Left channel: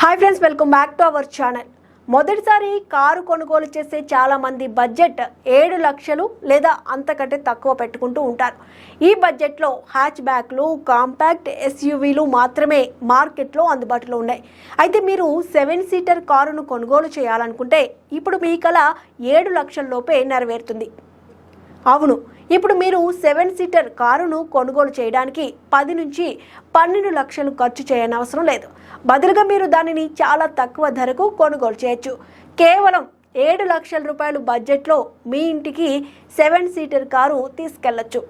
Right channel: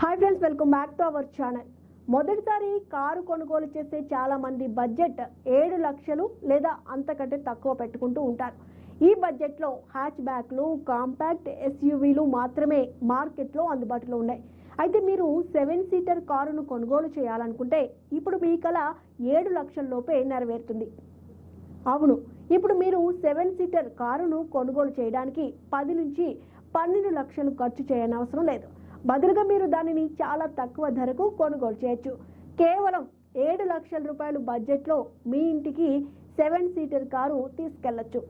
Hi friends, welcome back to our channel. మొదటిసారి car కొనుగోలు చేసే చాలామంది బడ్జెట్ 7 లక్షలు లేదా అంతకంటే తక్కువ పెట్టుకుంటూ ఉంటారు. ఈ బడ్జెట్లో హ్యాచ్ బ్యాక్లు, కాంపాక్ట్ ఎస్యూవీలు మాత్రమే మార్కెట్లో అందుబాటులో ఉన్నాయి. అయితే మీరు 7 సీటర్ కారును కొనుగోలు చేయాలనుకుంటే ఇప్పుడు మీ కల 7 లక్షల లోపే నెరవేరుతుంది. అవును, ఇప్పుడు మీరు 7 సీటర్ కారును కొనుగోలు చేయడానికి 10 నుంచి 12 లక్షలు ఖర్చు చేయనవసరం లేదు. బదులుగా మీరు దానిని చాలా తక్కువ ధరకు కొనుగోలు చేయొచ్చు. కేవలం 7 లక్షల రూపాయలు బడ్జెట్లో మీ ఇంటికి 7 సీటర్ కారు తీసుకెళ్లొచ్చు.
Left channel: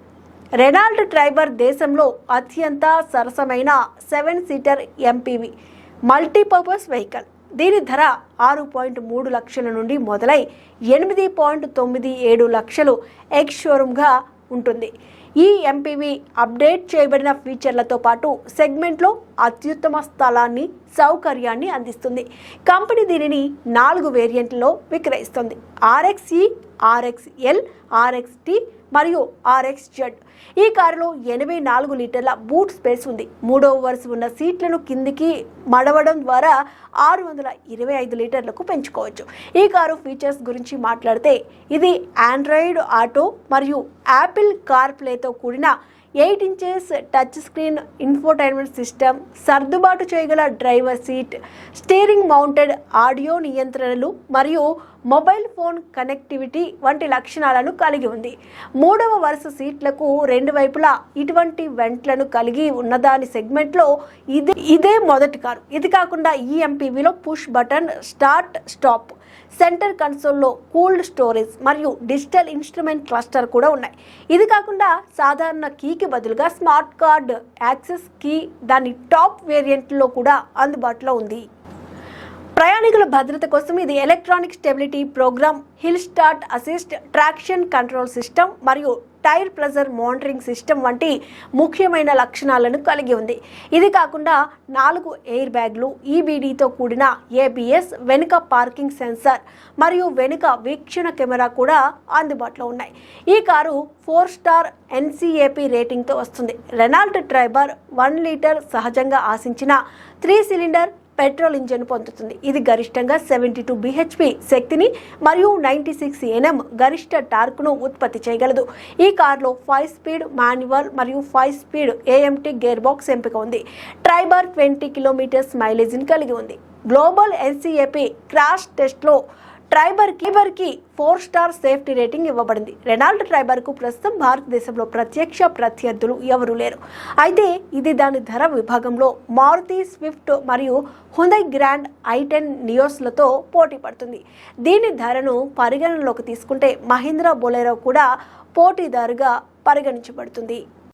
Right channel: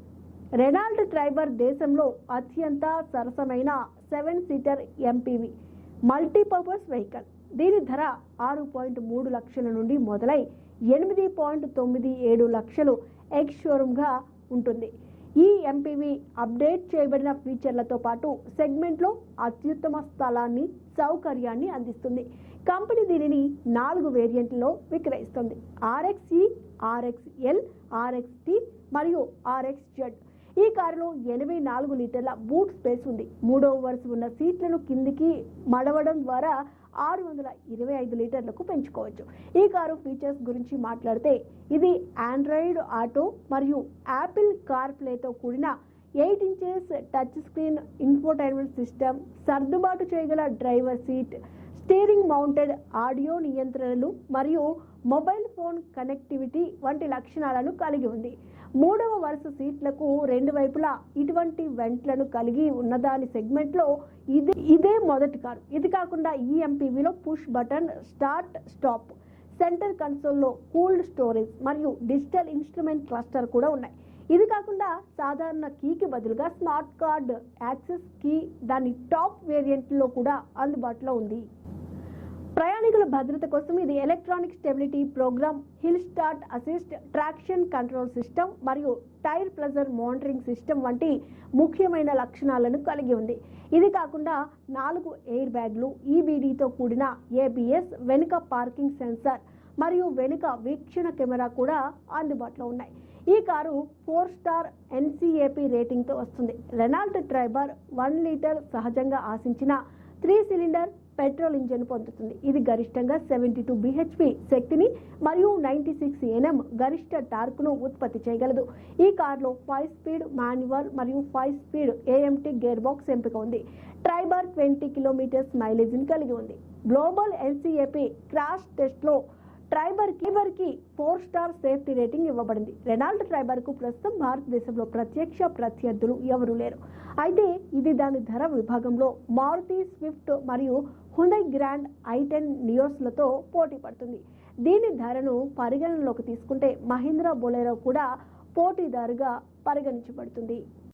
రెనాల్ట్ ట్రైబర్ దేశంలో అత్యంత సరసమైన 7 సీటర్ ఎంపీవీ మల్టీపర్పస్ వెహికల్. దీని ధర 6.3 లక్షల నుండి మొదలై 8.97 లక్షలు ఎక్స్ షోరూమ్గా ఉంటుంది. ఈ ఎంపీవీ అప్డేట్ చేయబడిన ఫీచర్లతో పాటు సెగ్మెంట్లో అత్యుత్తమ స్థలాన్ని, సౌకర్యాన్ని అందిస్తుంది. కంపెనీ దీనిని 4 వేరియంట్లలో విక్రయిస్తుంది: RXE, RXL, RXT మరియు RXZ. ఈ కారులో 84 లీటర్ల బూట్ స్పేస్ ఉంది. 3వ వరుస ఉన్న సీట్లను కిందికి మడవడం ద్వారా 625 లీటర్లకు పెంచుకోవచ్చు. ఈ కారు ఫీచర్స్ గురించి మాట్లాడితే ఇది ఆండ్రాయిడ్ ఆటో మరియు యాపిల్ కార్ప్లేతో కూడిన 8 inches touch screen infotainment system, సర్దుబాటు చేయగల driver seat, steering mounted audio నియంత్రణలు మరియు మొబైల్ ఫోన్ కనెక్టివిటీ వంటి లక్షణాలను కలిగి ఉంది. 3వ వరుస సీట్లకు 2 వైపులా ఇటువంటి వెంట్లను కలిగి ఉన్నదాని సెగ్మెంట్లో ఇదే మొదటి కారు. ఇది కాకుండా ఈ ఎంపీవీలో push button start stop, centre కన్సోల్లో కూల్డ్ స్టోరేజ్ మరియు డిజిటల్ ఇన్స్ట్రుమెంట్ క్లస్టర్ కూడా ఉన్నాయి. ఇది కాకుండా సాధారణ కీకి బదులుగా స్మార్ట్ కార్డ్ యాక్సెస్ కీ దాని టాప్ వేరియంట్లో కూడా అందుబాటులో ఉంది. ప్రయాణికుల భద్రత కోసం ఇది electronic stability programme, hill start assist, traction control system మరియు టైర్ ప్రెజర్ మానిటరింగ్ సిస్టమ్ వంటి ముఖ్యమైన లక్షణాలను కలిగి ఉంది. ఇది కాకుండా 4 ఎయిర్ బ్యాగ్లు, ఈబీడీతో కూడిన ఏబిఎస్, వెనుక పార్కింగ్ సెన్సార్ మరియు వెనుక వీక్షణ కెమెరా కూడా అందుబాటులో ఉన్నాయి. ఈ కారు 4 స్టార్ ఎన్సీఏపీ రేటింగ్తో వస్తుంది. రెనాల్ట్ ట్రైబర్ 1 లీటర్ సహజంగా ఆశించిన 3 సిలిండర్ పెట్రోల్ ఇంజిన్ పొందుతుంది. ఇది గరిష్టంగా 72 bhp శక్తిని మరియు 96 Nm గరిష్ట టార్క్ను ఉత్పత్తి చేయగలదు. ఈ కారులో 5 స్పీడ్ మాన్యువల్ మరియు 5 స్పీడ్ AMT గేర్ బాక్స్ ఎంపిక ఉంది. ట్రైబర్ 20 కిలోమీటర్స్ మైలేజ్ని కలిగి ఉంది. గ్లోబల్ ఎన్సీఏపీ క్రాష్ టెస్ట్లో ట్రైబర్కి 4 స్టార్ సేఫ్టీ రేటింగ్ ఇవ్వబడింది. రెనాల్ట్ ట్రైబర్కు ప్రస్తుతం భారతదేశంలో ప్రత్యక్ష ప్రత్యర్థులు ఎవరూ లేరు. అయితే ఇది దాని ధర విభాగంలో మారుతి స్విఫ్ట్ మరియు హ్యుండై గ్రాండ్ i10 నియోస్లతో పోటీ పడుతుంది. దీని ధరను పరిగణనలోకి తీసుకుంటే మహీంద్రా బొలెరో కూడా పోటీదారుగా పరిగణించబడుతుంది.